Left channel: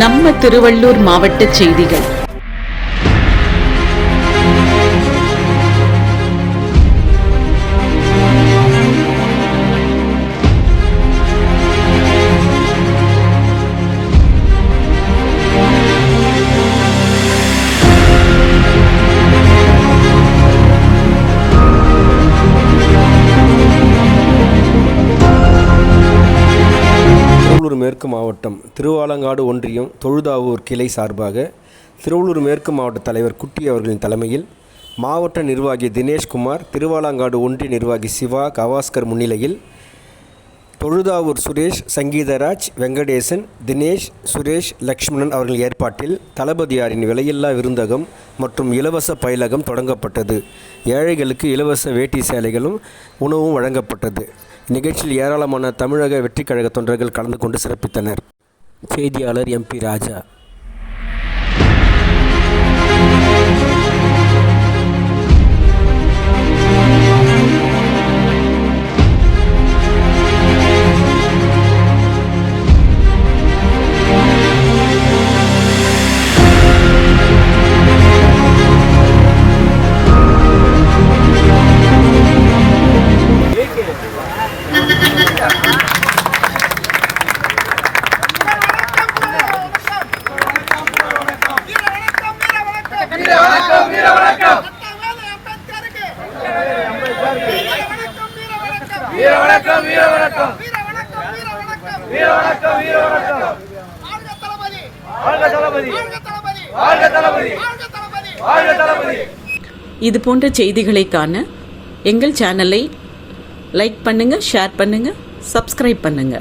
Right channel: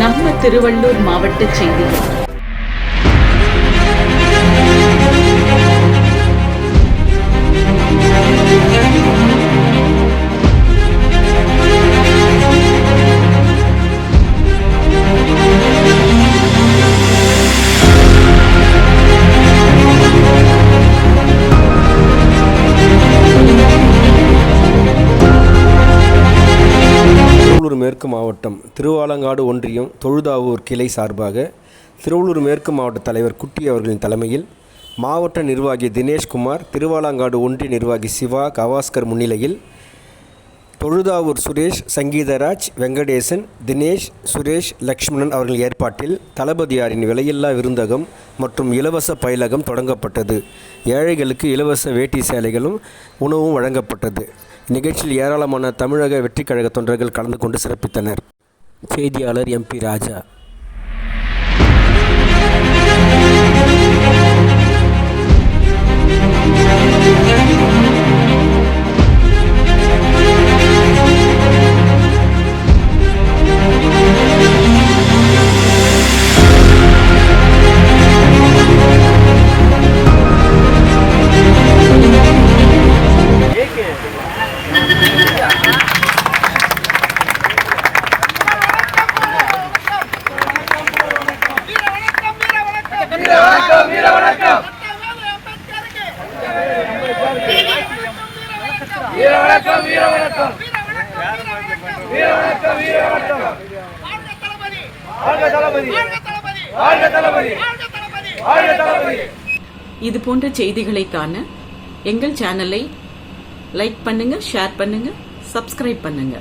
நம்ம திருவள்ளூர் மாவட்ட செய்திகள். திருவள்ளூர் மேற்கு மாவட்டம் திருவாலங்காடு ஒன்றியம் தொழுதாவூர் கிளை சார்பாக திருவள்ளூர் மேற்கு மாவட்ட தலைவர் குட்டி அவர்களின் தலைமையில் மாவட்ட நிர்வாகி தினேஷ்குமார், திருவாலங்காடு ஒன்றிய நிர்வாகி சிவா கவாஸ்கர் முன்னிலையில் தொழுதாவூர் சுரேஷ், சங்கீதராஜ், வெங்கடேசன், தினேஷ், சுரேஷ், லக்ஷ்மணன் அவர்கள் ஏற்பாட்டில் தளபதியாரின் விலையில்லா விருந்தகம் மற்றும் இலவச பயிலகம் தொடங்கப்பட்டது. ஏழைகளுக்கு இலவச வேட்டி சேலைகளும் உணவும் வழங்கப்பட்டது. நிகழ்ச்சியில் ஏராளமான தமிழக வெற்றிக் கழக தொண்டர்கள் கலந்து கொண்டு சிறப்பித்தனர். செய்தியாளர் MP ராஜா. இது போன்ற செய்திகளை காண எங்கள் சேனலை லைக் பண்ணுங்க, ஷேர் பண்ணுங்க, சப்ஸ்கிரைப் பண்ணுங்க.